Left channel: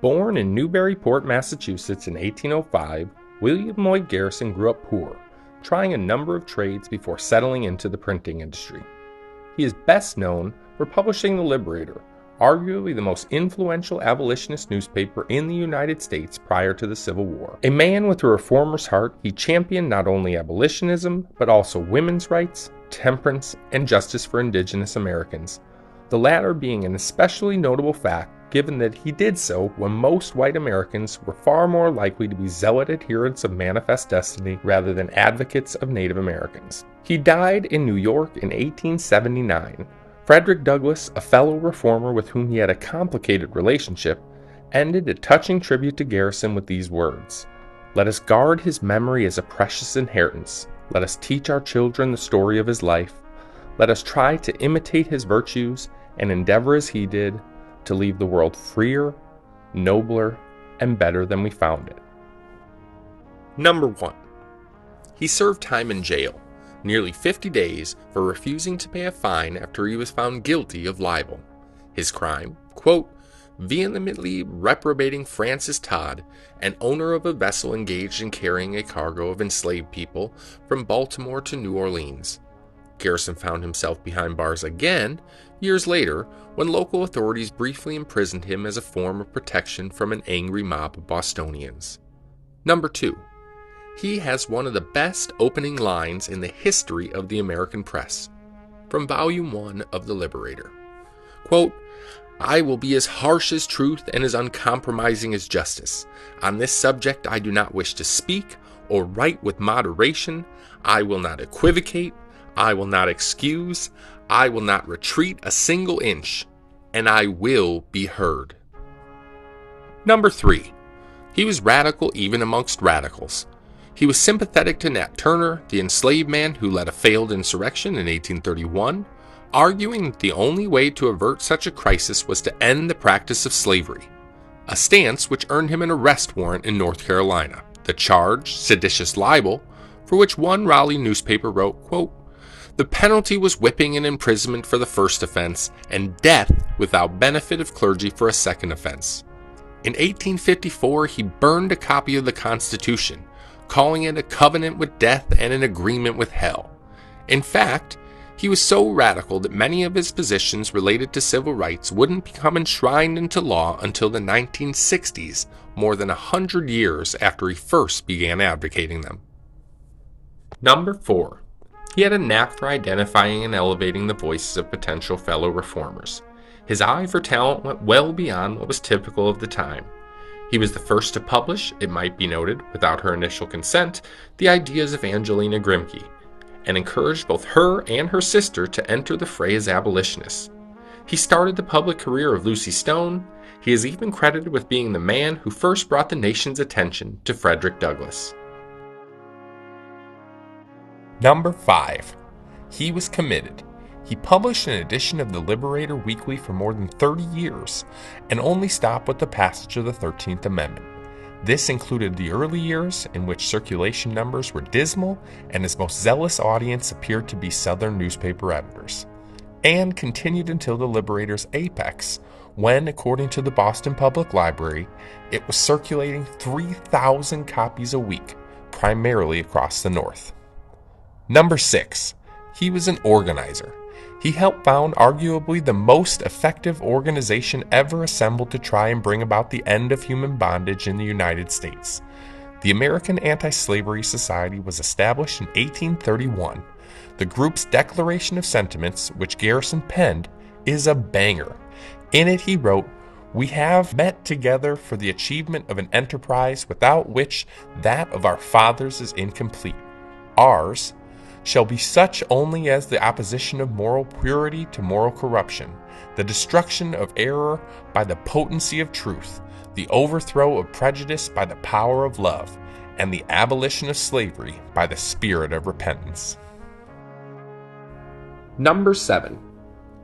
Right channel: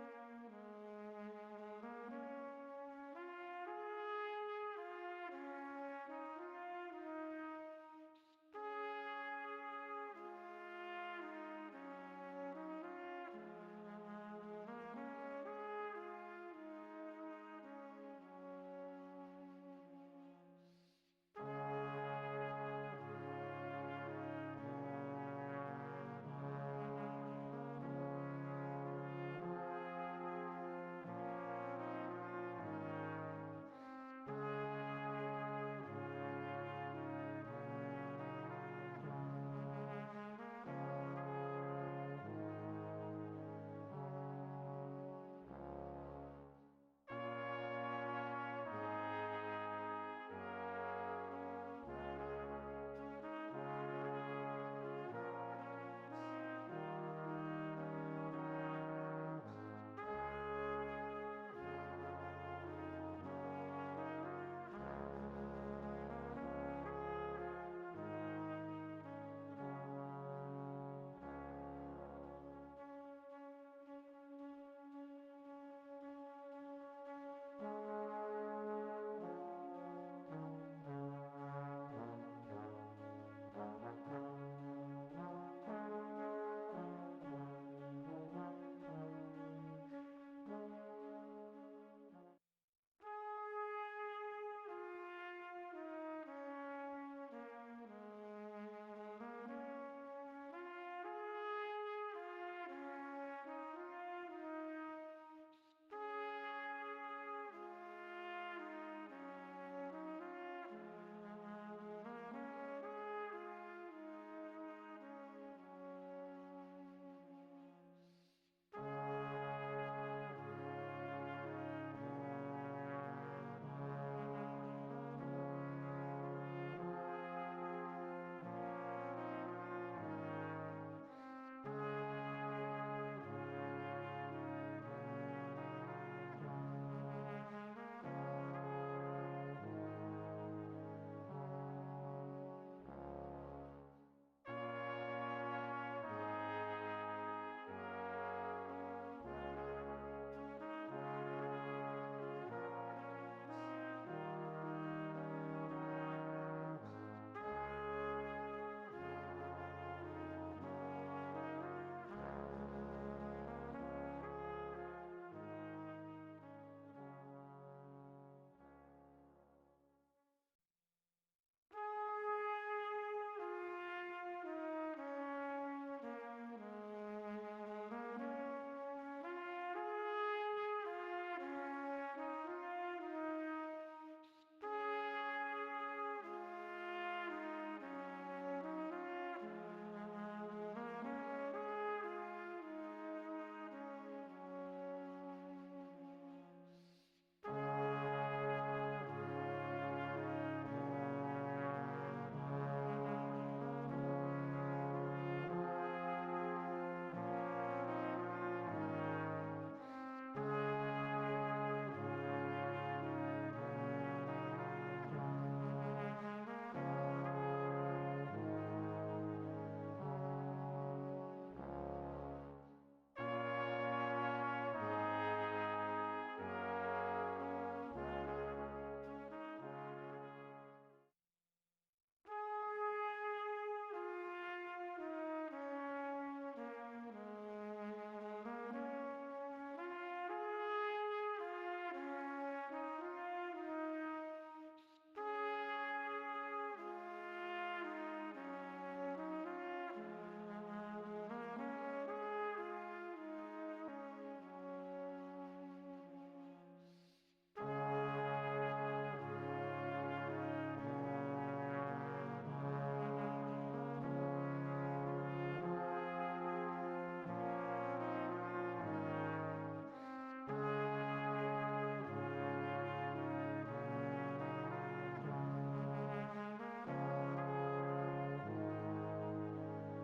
Born in Newburyport, Massachusetts in 1805, William Lloyd Garrison grew up poor, trying a number of trades before settling into the printing industry. He is best known for publishing The Liberator, arguably the most influential abolitionist newspaper in the United States prior to the Civil War. A man with a reformer's heart, he championed not only abolitionism, but also women's rights, temperance, and justice for indigenous Americans, the latter being an especially notable fact given that he did so when most white Americans were far more likely to be zealot adherents of Manifest Destiny rather than advocates of Native Americans. He died in New York in 1879. Frederick Douglass, a fellow reformer with whom he had a complicated relationship, ended a touching tribute to Garrison with these words: "Let us guard his memory as a precious inheritance. Let us teach our children the story of his life. Let us try to imitate his virtues and endeavor as he did to leave the world freer, nobler, and better than we found it." Number 1. He served time in jail, nearly 50 days, for refusing to pay a fine after he was found guilty of libel. His crime, quote, vehemently reprobating Francis Todd, an owner of a vessel engaged in carrying a cargo of enslaved people from Baltimore to New Orleans. Garrison found himself behind bars again years later when local authorities briefly imprisoned him as a form of protection from an angry mob of Bostonians. Number 2. He has one of the best opening lines in the history of the American press, from Volume 1 of The Liberator. Quote, "I will be as harsh as truth and as uncompromising as justice. On this subject I do not wish to speak or write with moderation. I will not equivocate. I will not excuse. I will not retreat a single inch, and I will be heard." Number 3. He was radical even amongst radicals. He was sympathetic to Nat Turner, the enslaved man who led a failed insurrection in 1831, arguing that the only way to avert such a crisis was to end the practice of slavery, a stance which earned him an arrest warrant in North Carolina. The charge, seditious libel, for which one Raleigh newspaper wrote, quote, "The penalty was whipping and imprisonment for the first offense, and death without benefit of clergy for a second offense." In 1854, he burned a copy of the Constitution, calling it a covenant with death and an agreement with hell. In fact, he was so radical that many of his positions related to civil rights wouldn't become enshrined into law until the 1960s, more than 100 years after he first began advocating them. Number 4. He had a knack for identifying and elevating the voices of potential fellow reformers. His eye for talent went well beyond what was typical of the time. He was the first to publish, it might be noted, without her initial consent, the ideas of Angelina Grimke, and encouraged both her and her sister to enter the fray as abolitionists. He started the public career of Lucy Stone. He is even credited with being the man who first brought the nation's attention to Frederick Douglass. Number 5. He was committed. He published an edition of The Liberator weekly for more than 30 years, and only stopped with the passage of the 13th Amendment. This included the early years in which circulation numbers were dismal and his most zealous audience appeared to be Southern newspaper editors, and continued until The Liberator's apex, when, according to the Boston Public Library, it was circulating 3,000 copies a week, primarily across the North. Number 6. He was an organizer. He helped found arguably the most effective organization ever assembled to try and bring about the end of human bondage in the United States. The American Anti-Slavery Society was established in 1831. The group's Declaration of Sentiments, which Garrison penned, is a banger. In it he wrote, "We have met together for the achievement of an enterprise without which that of our fathers is incomplete. Ours shall be such only as the opposition of moral purity to moral corruption, the destruction of error by the potency of truth, the overthrow of prejudice by the power of love, and the abolition of slavery by the spirit of repentance." Number 7.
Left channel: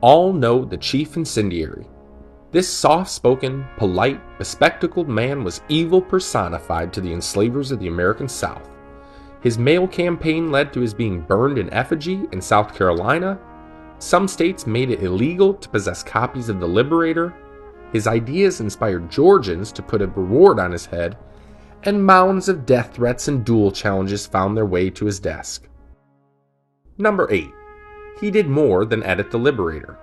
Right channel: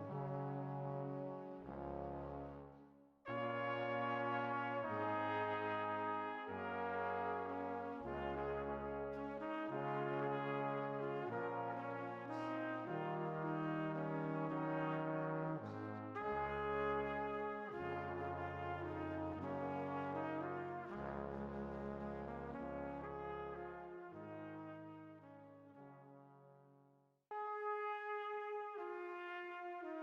All know the chief incendiary. This soft-spoken, polite, bespectacled man was evil personified to the enslavers of the American South. His mail campaign led to his being burned in effigy in South Carolina. Some states made it illegal to possess copies of The Liberator. His ideas inspired Georgians to put a reward on his head, and mounds of death threats and duel challenges found their way to his desk. Number 8. He did more than edit the Liberator.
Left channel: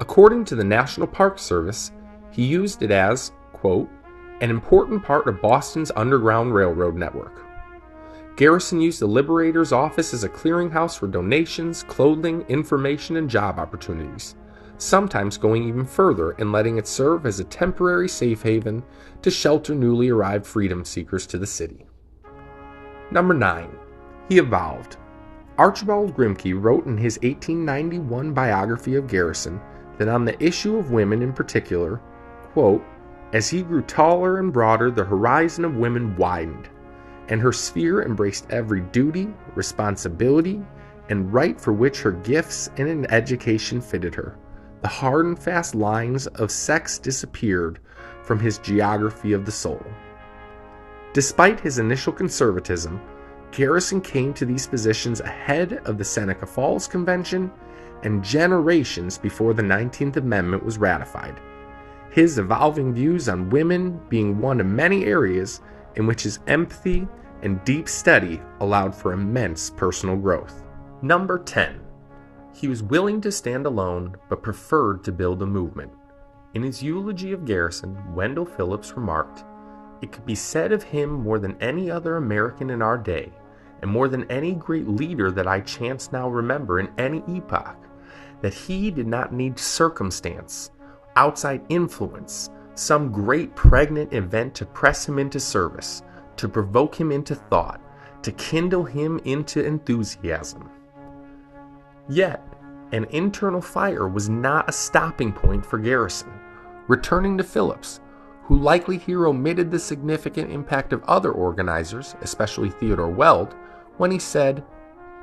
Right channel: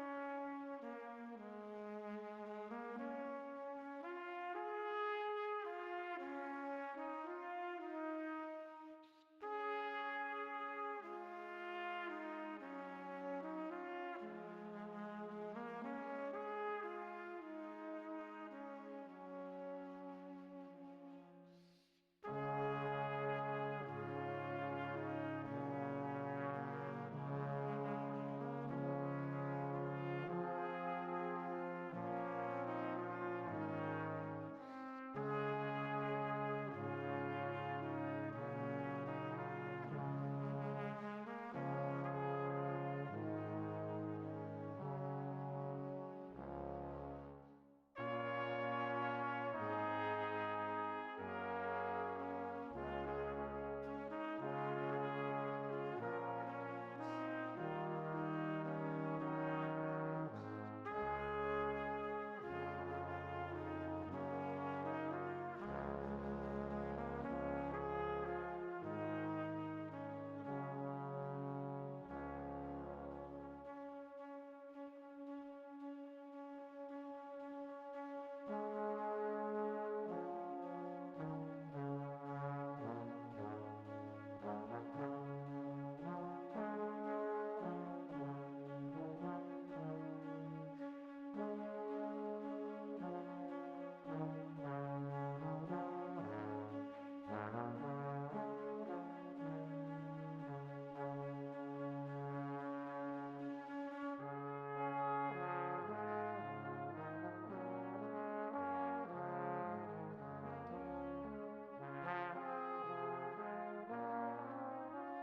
According to the National Park Service, he used it as, quote, an important part of Boston's Underground Railroad network. Garrison used the Liberator's office as a clearinghouse for donations, clothing, information, and job opportunities, sometimes going even further and letting it serve as a temporary safe haven to shelter newly arrived freedom seekers to the city. Number 9. He evolved. Archibald Grimke wrote in his 1891 biography of Garrison that on the issue of women in particular, quote, as he grew taller and broader, the horizon of women widened, and her sphere embraced every duty, responsibility, and right for which her gifts and an education fitted her. The hard and fast lines of sex disappeared from his geography of the soul. Despite his initial conservatism, Garrison came to these positions ahead of the Seneca Falls Convention and generations before the 19th Amendment was ratified, his evolving views on women being one of many areas in which his empathy and deep study allowed for immense personal growth. Number 10. He was willing to stand alone, but preferred to build a movement. In his eulogy of Garrison, Wendell Phillips remarked, "It could be said of him more than any other American in our day, and more than any great leader that I chance now remember in any epoch, that he did not need circumstance, outside influence, some great pregnant event to press him into service, to provoke him into thought, to kindle him into enthusiasm." Yet, an internal fire was not a stopping point for Garrison. Returning to Phillips, who likely here omitted the significant impact of other organizers, especially Theodore Weld, when he said,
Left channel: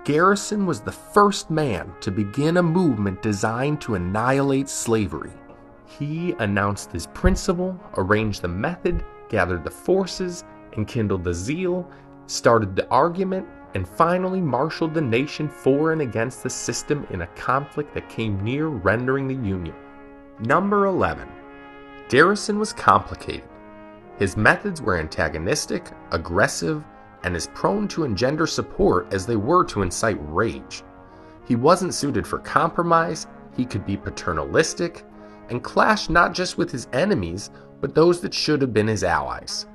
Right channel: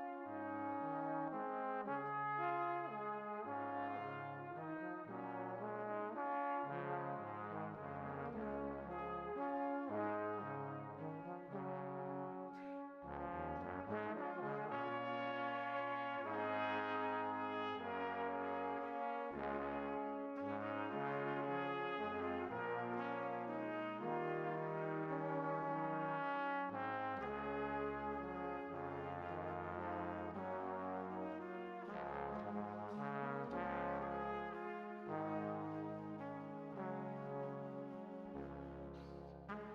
Garrison was the first man to begin a movement designed to annihilate slavery. He announced his principle, arranged the method, gathered the forces, enkindled the zeal, started the argument, and finally marshaled the nation for and against the system in a conflict that came near rendering the Union. Number 11. Garrison was complicated. His methods were antagonistic, aggressive, and as prone to engender support as they were to incite rage. He wasn't suited for compromise, he could be paternalistic, and clashed not just with his enemies, but those that should have been his allies.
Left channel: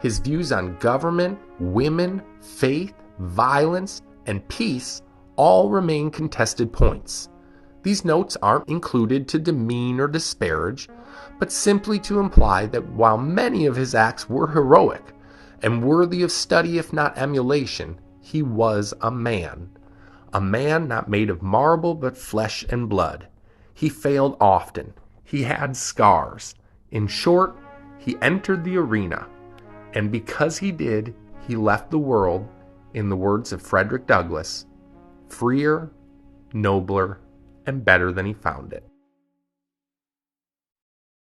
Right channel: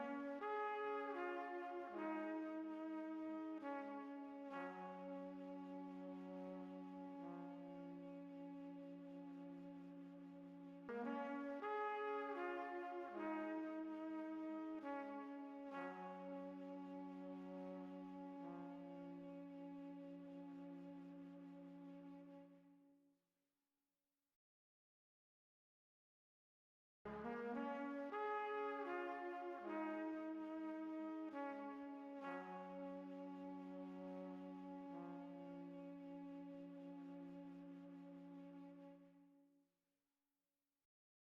His views on government, women, faith, violence, and peace all remain contested points. These notes aren't included to demean or disparage, but simply to imply that while many of his acts were heroic and worthy of study if not emulation, he was a man not made of marble but flesh and blood. He failed often. He had scars. In short, he entered the arena, and because he did, he left the world, in the words of Frederick Douglass, freer, nobler, and better than he found it.